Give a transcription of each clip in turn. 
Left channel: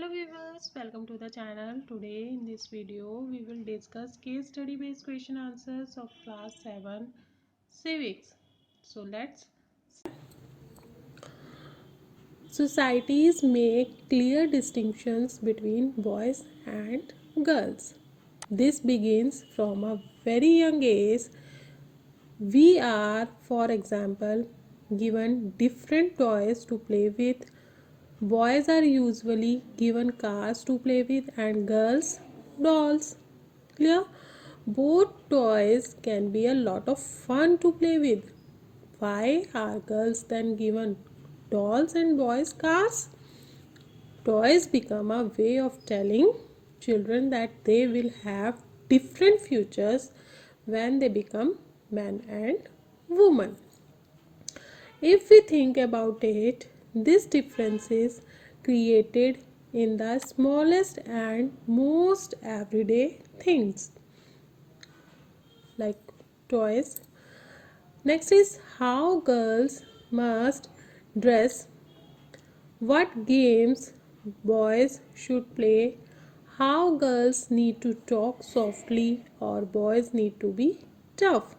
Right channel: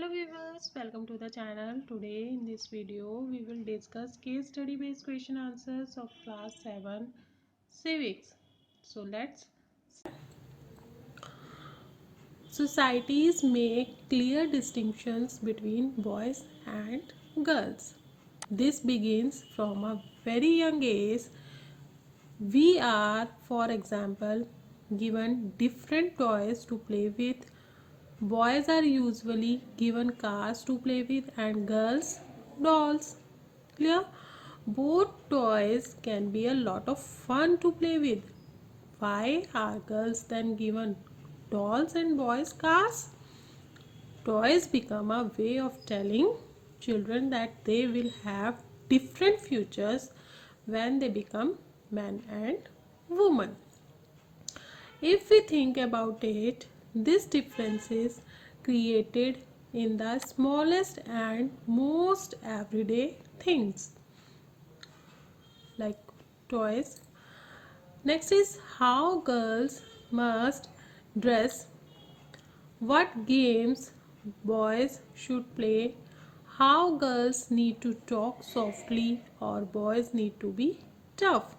Hello viewers, welcome to the channel. Today in this video we will discuss case study based question answers of class 7 civics. So let's Societies make clear distinctions between boys and girls. This begins from a very young age. We are, for example, given different toys to play with. Boys are usually given cars to play with and girls dolls. Clear? Both toys can be a lot of fun to play with. Why are girls then given dolls and boys cars? Toys become a way of telling children that they will have different futures when they become man and woman. If we think about it, this difference is created in the smallest and most everyday things like toys. Next is how girls must dress, what games boys should play, how girls need to talk softly or boys need to be tough.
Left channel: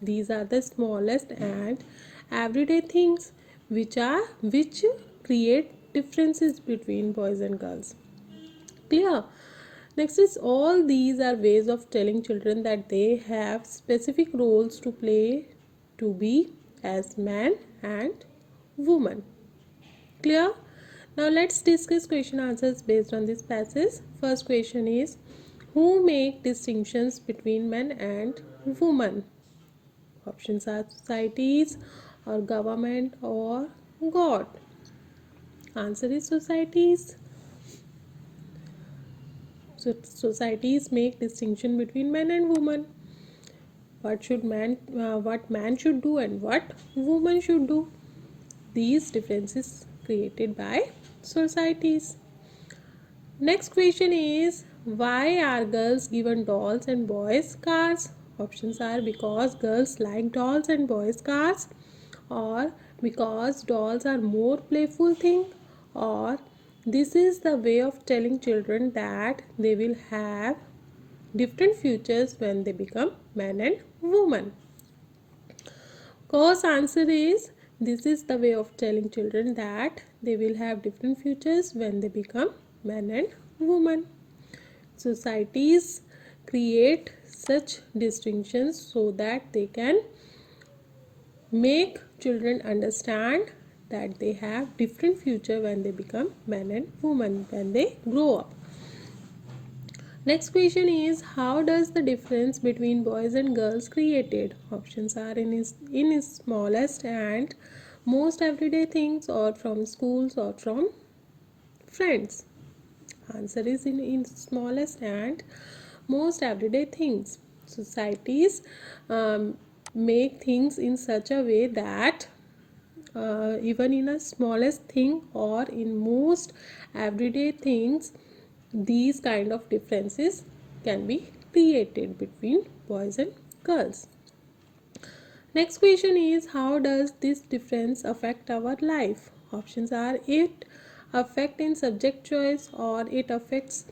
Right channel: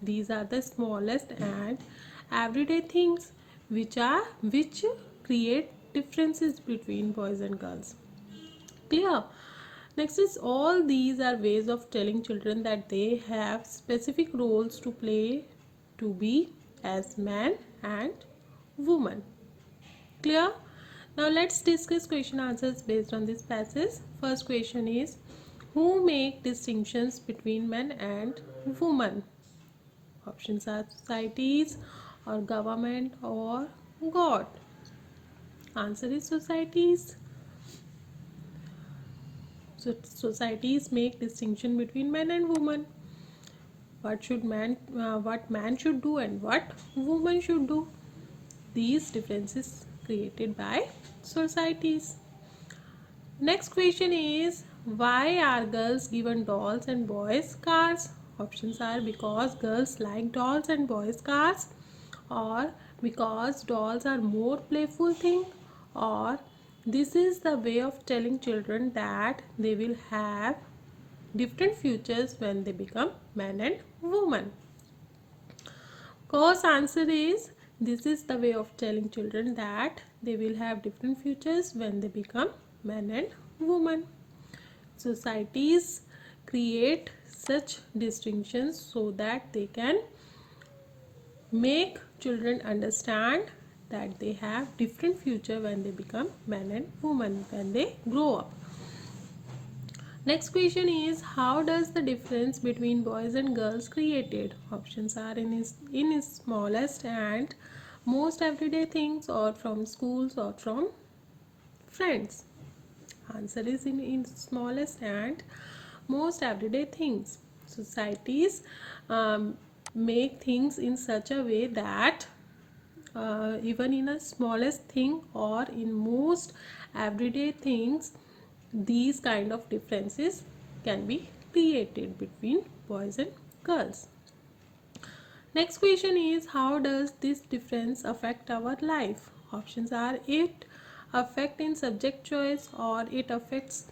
These are the smallest and everyday things which create differences between boys and girls. Clear? Next is all these are ways of telling children that they have specific roles to play to be as man and woman. Clear? Now let's discuss question answers based on this passage. First question is, who make distinctions between men and women? Options are societies or government or God. Answer is societies. So societies make distinction between men and women. What man should do and what woman should do. These differences created by societies. Next question is, why are girls given dolls and boys cars? Options are because girls like dolls and boys cars, or because dolls are more playful thing, or this is the way of telling children that they will have different futures when they become man and woman. Course answer is, this is the way of telling children that they will have different futures when they become man and woman. Societies create such distinctions so that they can make children understand that they have different future when they become man and woman when they grow up. Next question is, how does the difference between boys and girls created? Options are in his smallest and most everyday things, or from schools or from friends. Answer is in smallest and most everyday things. Societies make things in such a way that even in a smallest thing or in most everyday things, these kind of differences can be created between boys and girls. Next question is, how does this difference affect our life? Options are, it affect in subject choice, or it affects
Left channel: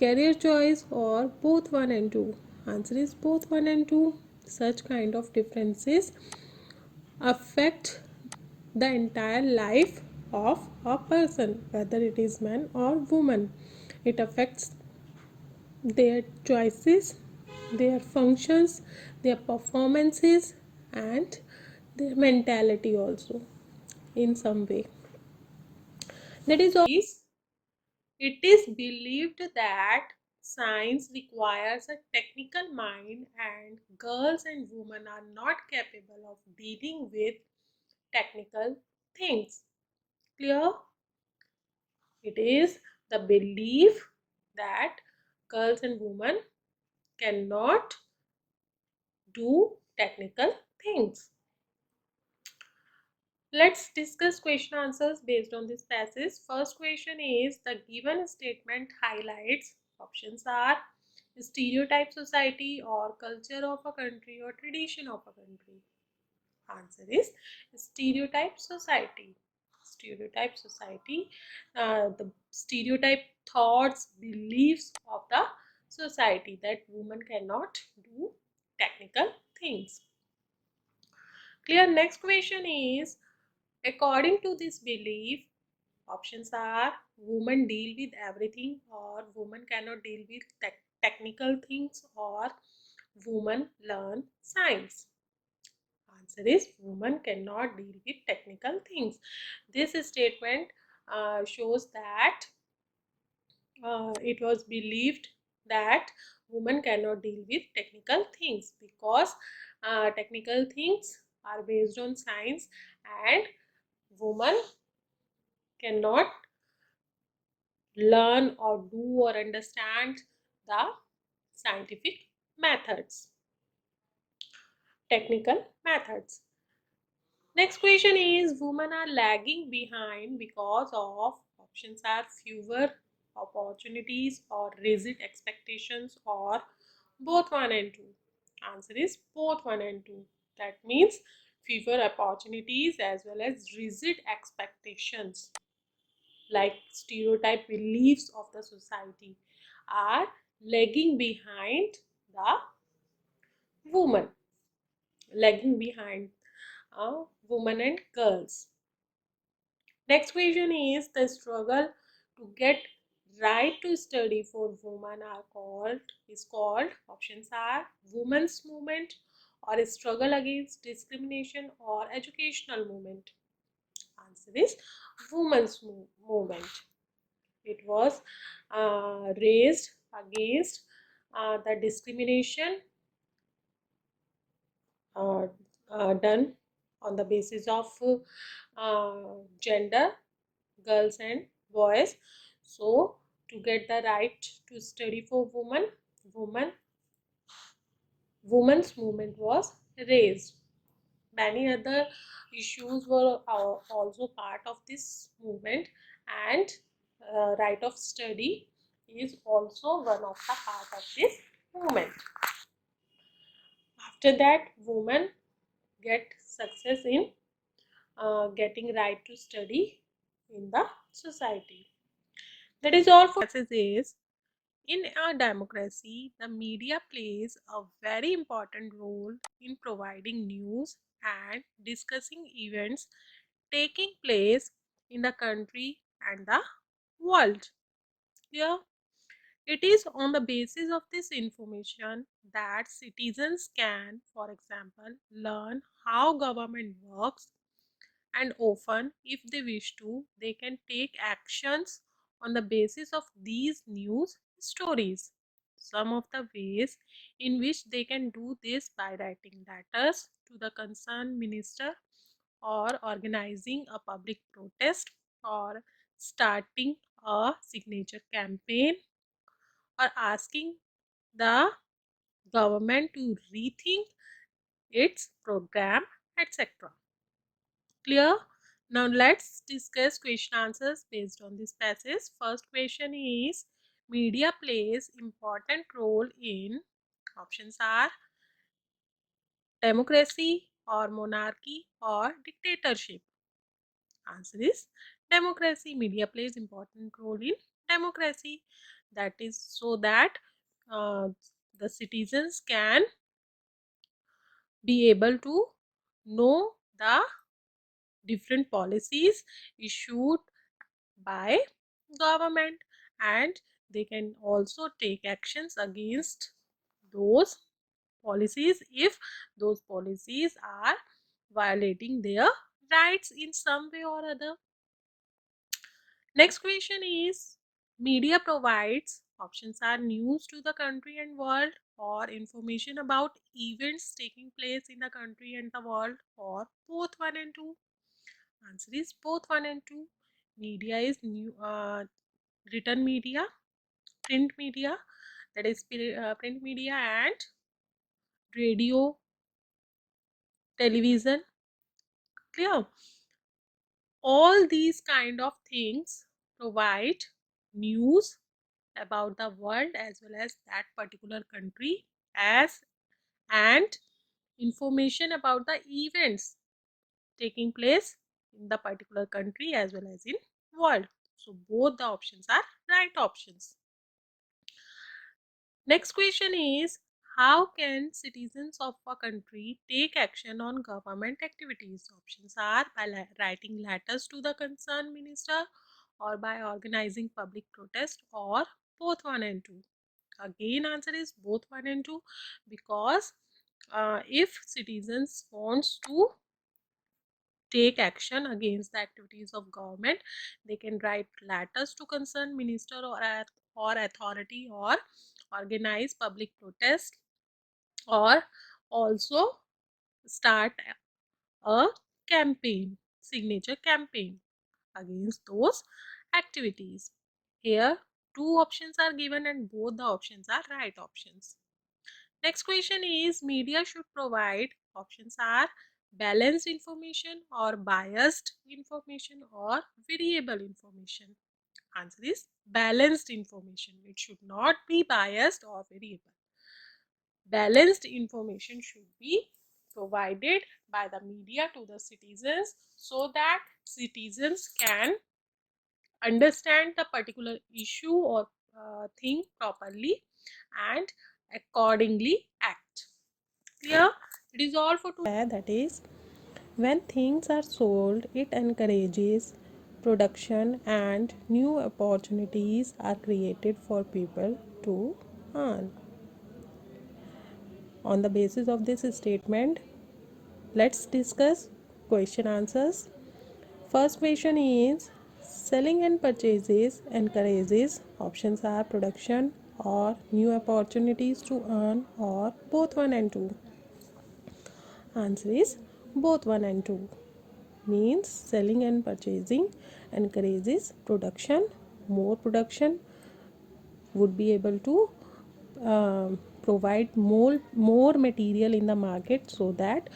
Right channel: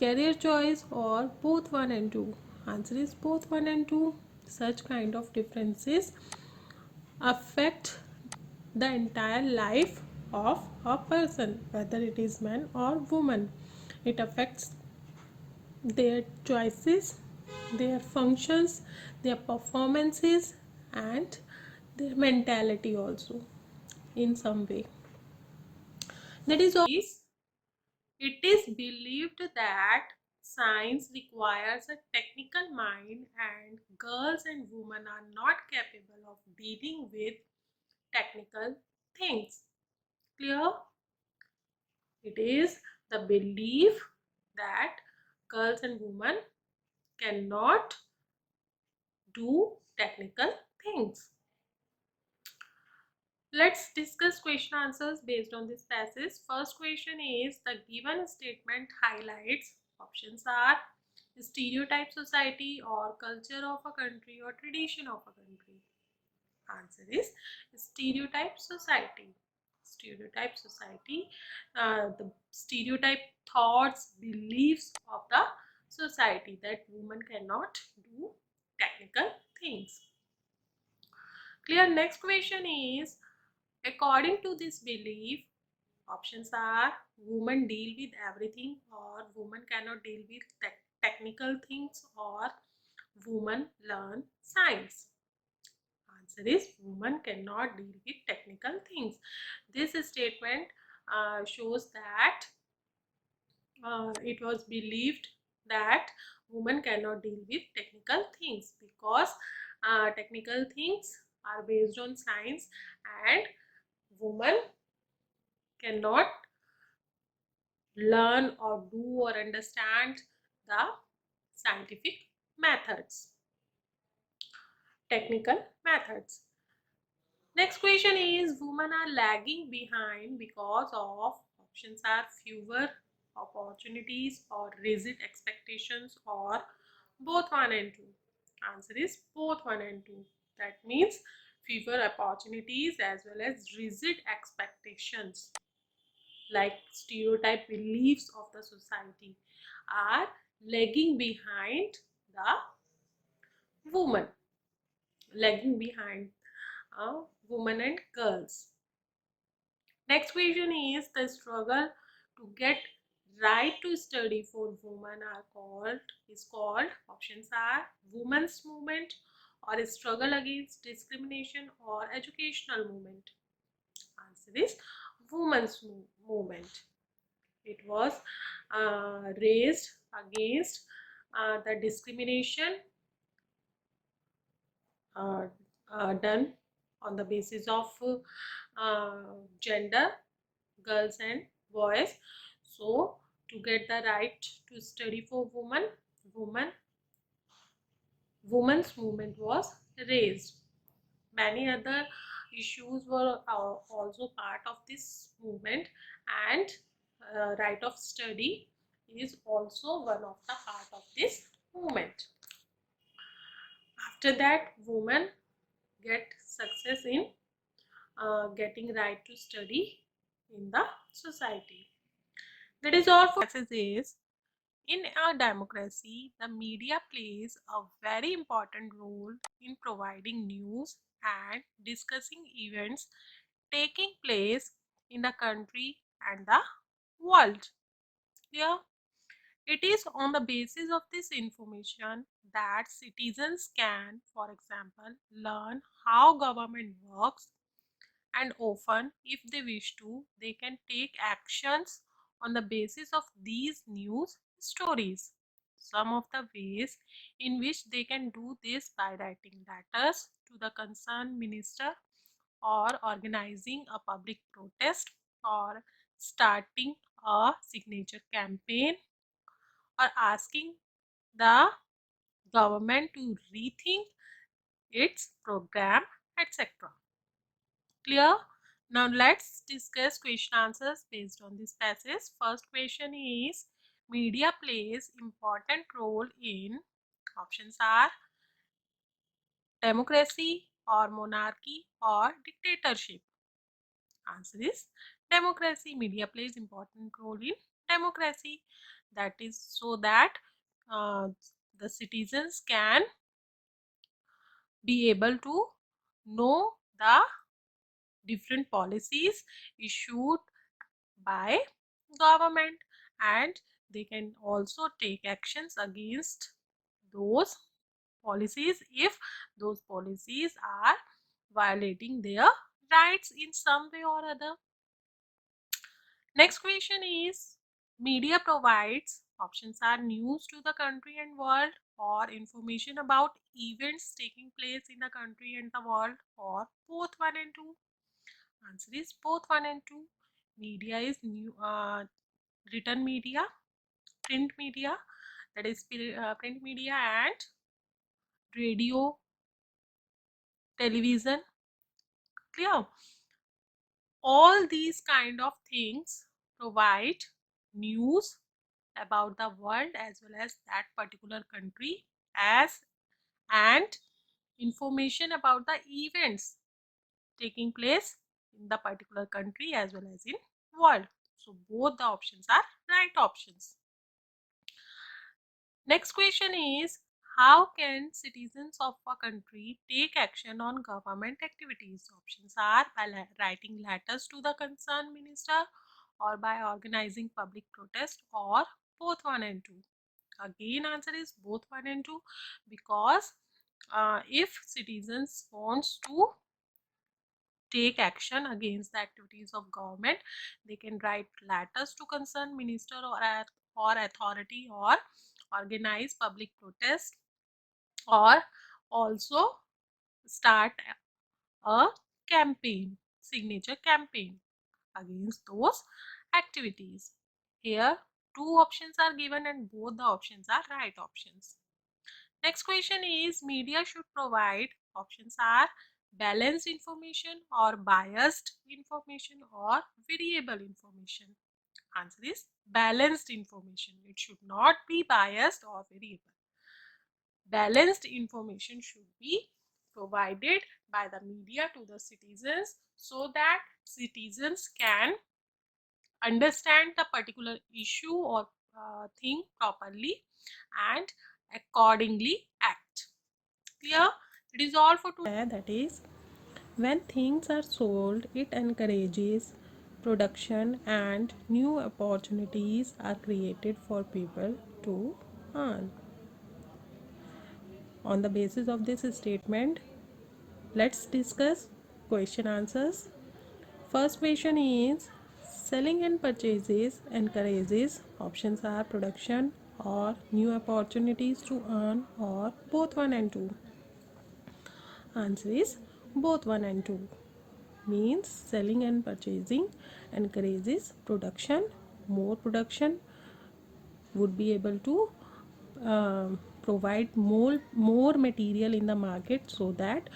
career choice, or both 1 and 2. Answer is both 1 and 2. Such kind of differences affect the entire life of a person, whether it is man or woman. It affects their choices, their functions, their performances, and their mentality also in some way. That is all. It is believed that science requires a technical mind and girls and women are not capable of dealing with technical things. Clear? It is the belief that girls and women cannot do technical things. Let's discuss question answers based on this passage. First question is, the given statement highlights. Options are stereotype society or culture of a country or tradition of a country. Answer is stereotype society. stereotype society, the stereotype thoughts, beliefs of the society that women cannot do technical things. Clear? Next question is, according to this belief, options are women deal with everything, or women cannot deal with technical things, or women learn science. Answer is women cannot deal with technical things. This statement shows that it was believed that women cannot deal with technical things because technical things are based on science, and women cannot learn or do or understand the scientific methods, technical methods. Next question is, women are lagging behind because of, options are fewer opportunities or rigid expectations, or both 1 and 2. Answer is both 1 and 2. That means fewer opportunities as well as rigid expectations, like stereotype beliefs of the society, are lagging behind the woman, lagging behind women and girls. Next question is, the struggle to get right to study for women is called, options are women's movement, or struggle against discrimination, or educational movement. Answer is women's movement. It was raised against the discrimination uh, done on the basis of gender, girls and boys. So to get the right to study for women's movement was raised. Many other issues were also part of this movement, and right of study is also one of the part of this movement. After that, women get success in getting right to study in the society. That is all for message is, in a democracy, the media plays a very important role in providing news and discussing events taking place in the country and the world. Yeah, it is on the basis of this information that citizens can, for example, learn how government works, and often, if they wish to, they can take actions on the basis of these news stories. Some of the ways in which they can do this: by writing letters to the concerned minister, or organizing a public protest, or starting a signature campaign, or asking the government to rethink its program, etc. Clear? Now let's discuss question answers based on this passage. First question is, media plays important role in, options are democracy, or monarchy, or dictatorship. Answer is democracy. Media plays important role in democracy. That is so that uh, the citizens can be able to know the different policies issued by government, and they can also take actions against those policies if those policies are violating their rights in some way or other. Next question is, media provides, options are news to the country and world, or information about events taking place in the country and the world, or both 1 and 2. Answer is both 1 and 2. Media is written media, print media, that is print media, and radio, television. Clear? All these kind of things provide news about the world as well as that particular country, as and information about the events taking place in the particular country as well as in world. So both the options are right options. Next question is, how can citizens of a country take action on government activities? Options are by writing letters to the concerned minister, or by organizing public protest, or both one and two. Again, answer is both one and two, because if citizens wants to take action against the activities of government, they can write letters to concerned minister or authority, or organize public protest, or also start a campaign, signature campaign against those activities. Here two options are given and both the options are right options. Next question is, media should provide, options are balanced information, or biased information, or variable information. Answer is balanced information. It should not be biased or variable. Balanced information should be provided by the media to the citizens, so that citizens can understand the particular issue or thing properly and accordingly act. Clear? It is all for today. That is, when things are sold, it encourages production and new opportunities are created for people to earn. On the basis of this statement, let's discuss question answers. First question is, selling and purchases encourages, options are production or new opportunities to earn, or both one and two. Answer is both one and two. Means selling and purchasing encourages production. More production would be able to provide more material in the market, so that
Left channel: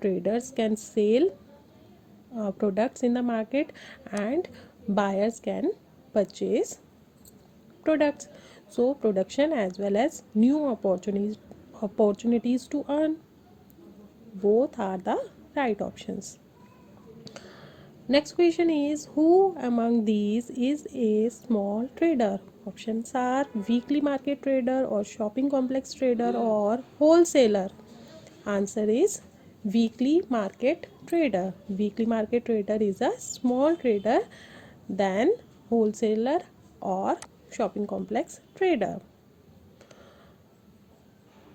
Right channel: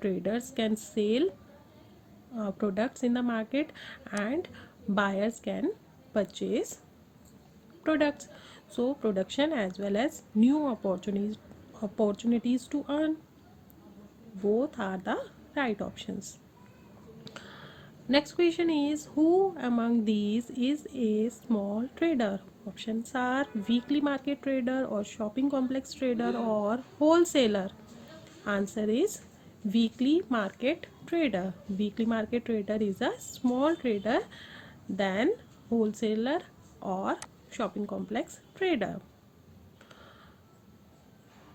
traders can sell products in the market and buyers can purchase products. So production as well as new opportunities to earn, both are the right options. Next question is, who among these is a small trader? Options are weekly market trader, or shopping complex trader, or wholesaler. Answer is weekly market trader. Weekly market trader is a small trader than wholesaler or shopping complex trader.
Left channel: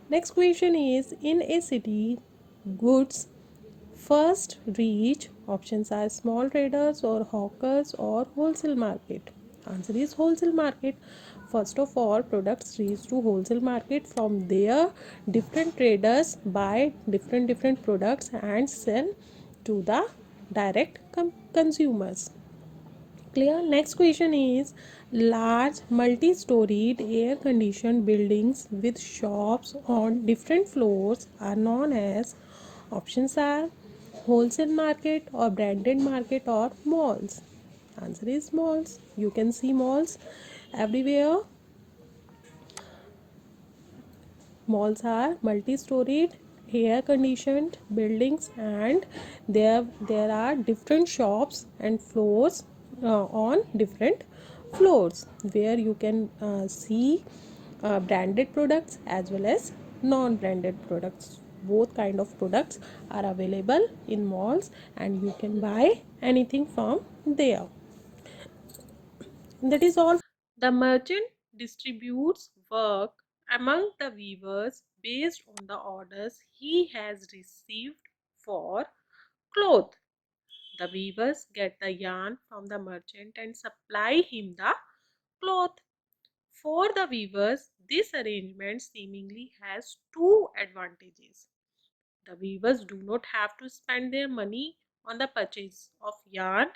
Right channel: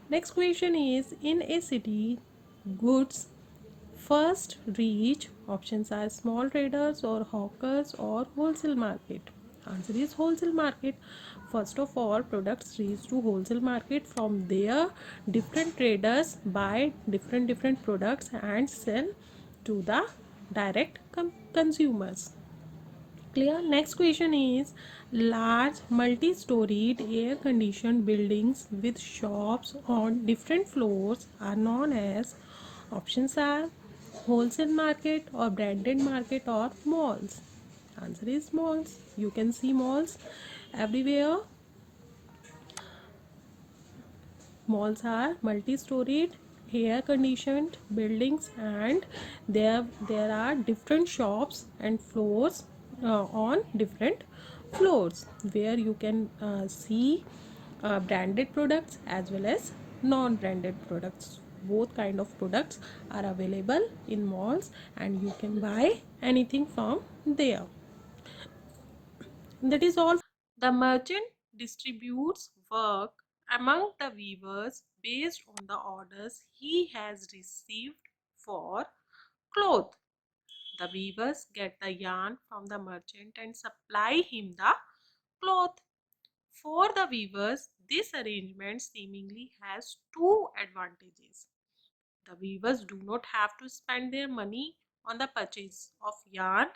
Next question is, in a city, goods first reach, options are small traders or hawkers or wholesale market. Answer is wholesale market. First of all, products reach to wholesale market. From there, different traders buy different products and sell to the direct consumers. Clear? Next question is, large multi-storied air conditioned buildings with shops on different floors are known as, options are wholesale market or branded market or malls. Answer is malls. You can see malls everywhere. Malls are multi-storied air conditioned buildings, and there are different shops and floors on different floors, where you can see branded products as well as non-branded products. Both kind of products are available in malls, and you can buy anything from there. That is all. The merchant distributes work among the weavers based on the orders he has received for cloth. The weavers get the yarn from the merchant and supply him the cloth. For the weavers, this arrangement seemingly has two advantages. The weavers do not have to spend their money on the purchase of yarn.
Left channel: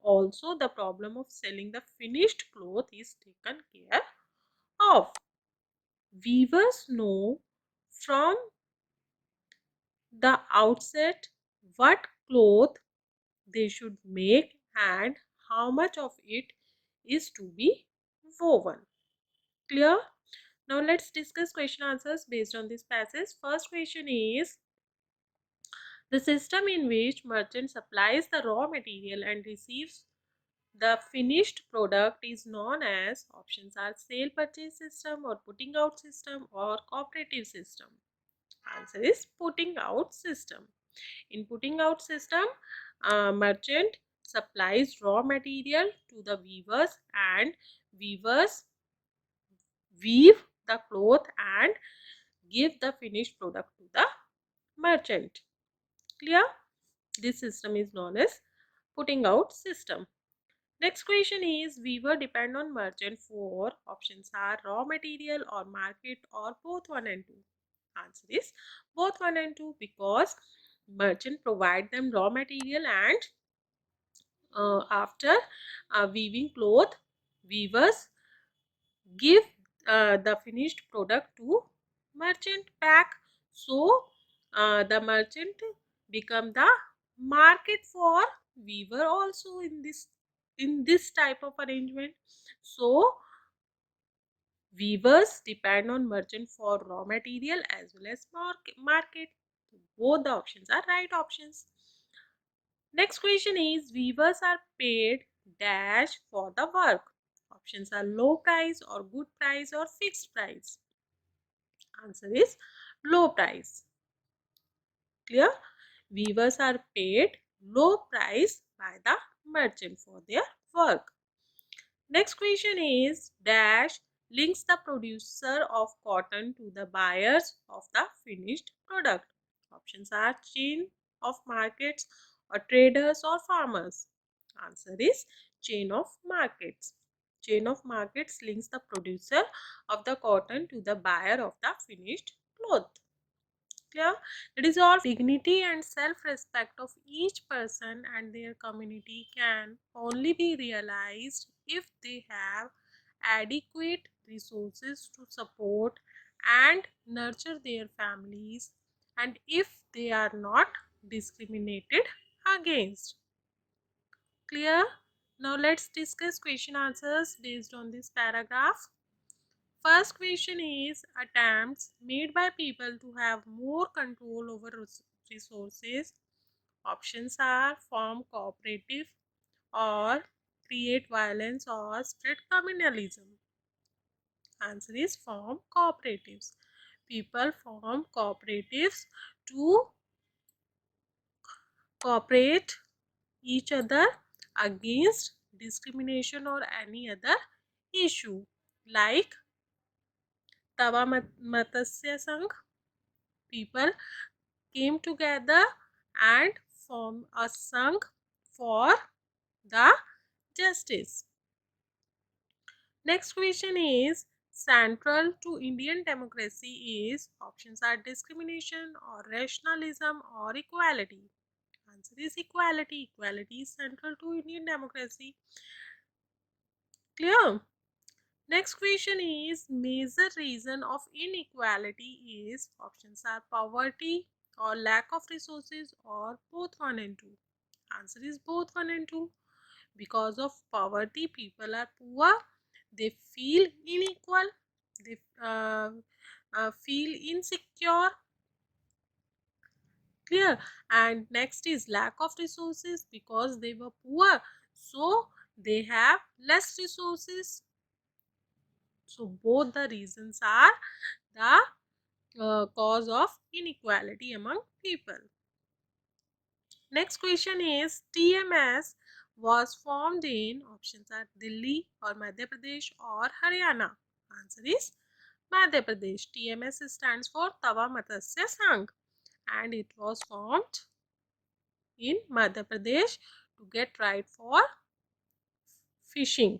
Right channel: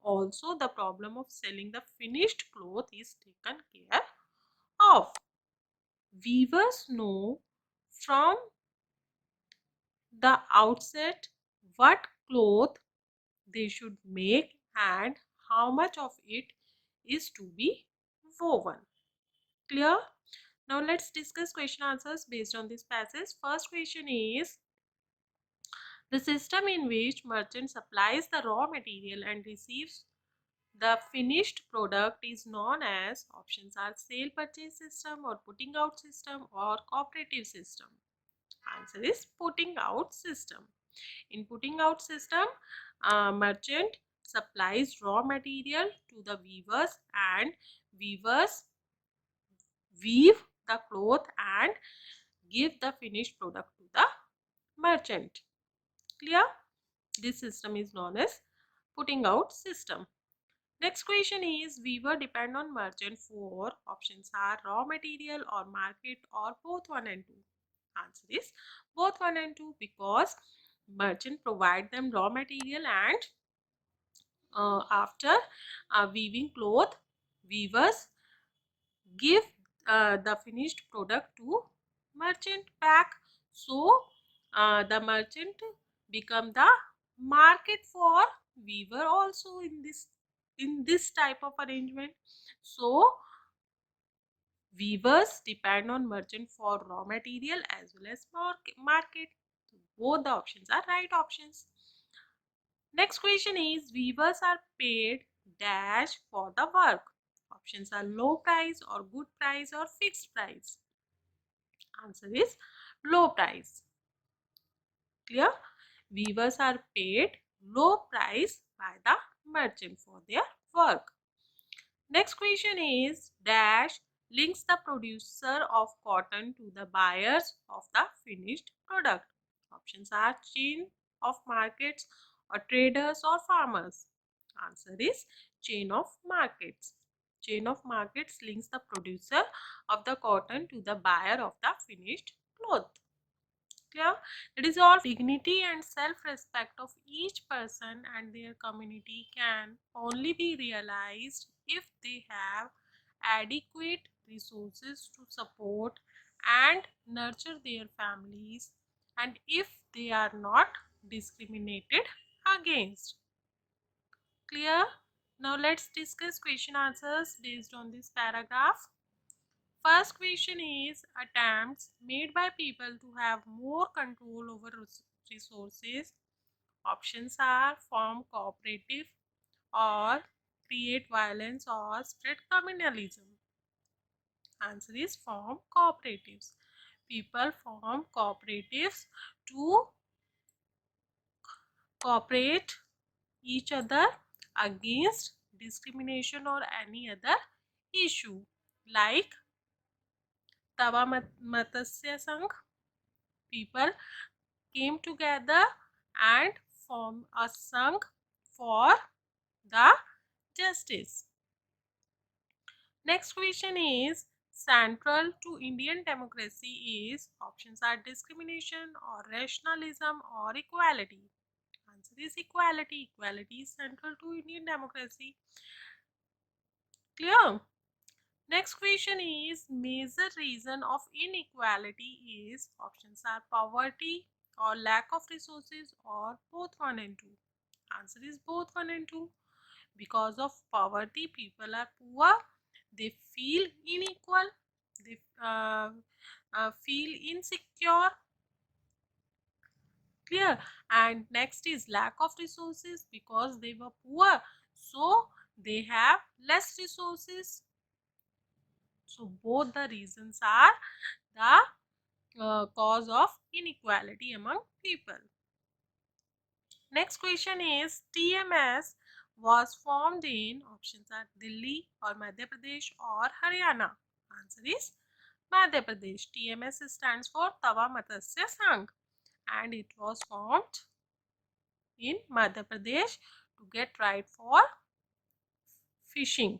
Also, the problem of selling the finished cloth is taken care of. Weavers know from the outset what cloth they should make and how much of it is to be woven. Clear? Now let's discuss question answers based on this passage. First question is, The system in which merchant supplies the raw material and receives the finished product is known as options are sale purchase system or putting out system or cooperative system. Answer is putting out system. In putting out system, merchant supplies raw material to the weavers and weavers weave the cloth and give the finished product to the merchant. Clear? This system is known as putting out system. Next question is weaver depend on merchant for options are raw material or market or both 1 and 2. Answer is both 1 and 2 because merchant provide them raw material and after weaving cloth, weavers give the finished product to merchant back. So the merchant become the market for weaver also in this type of arrangement. So weavers depend on merchant for raw material as well as market. Both the options are right options. Next question is weavers are paid dash for the work. Options are low price or good price or fixed price. Answer is low price. Clear? Weavers are paid low price by the merchant for their work. Next question is dash links the producer of cotton to the buyers of the finished product. Options are chain of markets or traders or farmers. Answer is chain of markets. Chain of markets links the producer of the cotton to the buyer of the finished cloth. Clear? It is all dignity and self-respect of each person and their community can only be realized if they have adequate resources to support and nurture their families and if they are not discriminated against. Clear? Now let's discuss question answers based on this paragraph. First question is attempts made by people to have more control over resources. Options are form cooperative or create violence or spread communalism. Answer is form cooperatives. People form cooperatives to cooperate each other against discrimination or any other issue like Tava Matsya Sangh. People came together and formed a Sangh for the justice. Next question is central to Indian democracy is options are discrimination or rationalism or equality. Answer is equality. Equality is central to Indian democracy. Clear? Next question is major reason of inequality is options are poverty or lack of resources or both 1 and 2. Answer is both 1 and 2. Because of poverty, people are poor. They feel unequal. They feel insecure. Clear? And next is lack of resources because they were poor. So they have less resources. So both the reasons are the cause of inequality among people. Next question is TMS was formed in options are Delhi or Madhya Pradesh or Haryana. Answer is Madhya Pradesh. TMS stands for Tava Matsya Sangh and it was formed in Madhya Pradesh to get right for fishing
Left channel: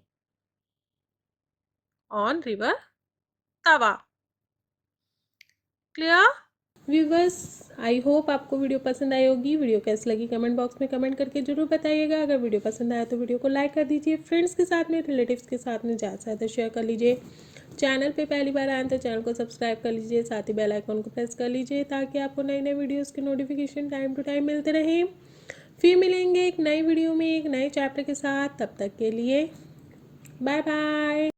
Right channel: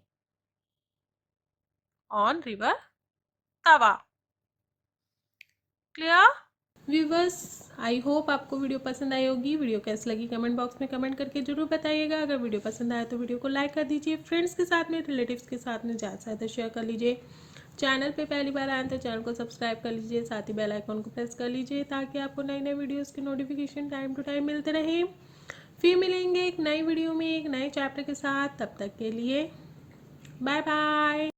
on river Tava. Clear? Viewers I hope आपको video पसंद आई होगी. Video कैसी लगी comment box में comment करके जरूर बताइएगा. अगर वीडियो पसंद आया तो वीडियो को लाइक कर दीजिए. फ्रेंड्स के साथ में रिलेटिव्स के साथ में ज़्यादा से ज़्यादा शेयर कर लीजिए. चैनल पे पहली बार आए तो चैनल को सब्सक्राइब कर लीजिए. साथ ही बेल आइकन को प्रेस कर लीजिए ताकि आपको नई नई वीडियोज़ की नोटिफिकेशन टाइम टू टाइम मिलते रहें. फिर मिलेंगे एक नई वीडियो में एक नए चैप्टर के साथ. तब तक के लिए बाय बाय.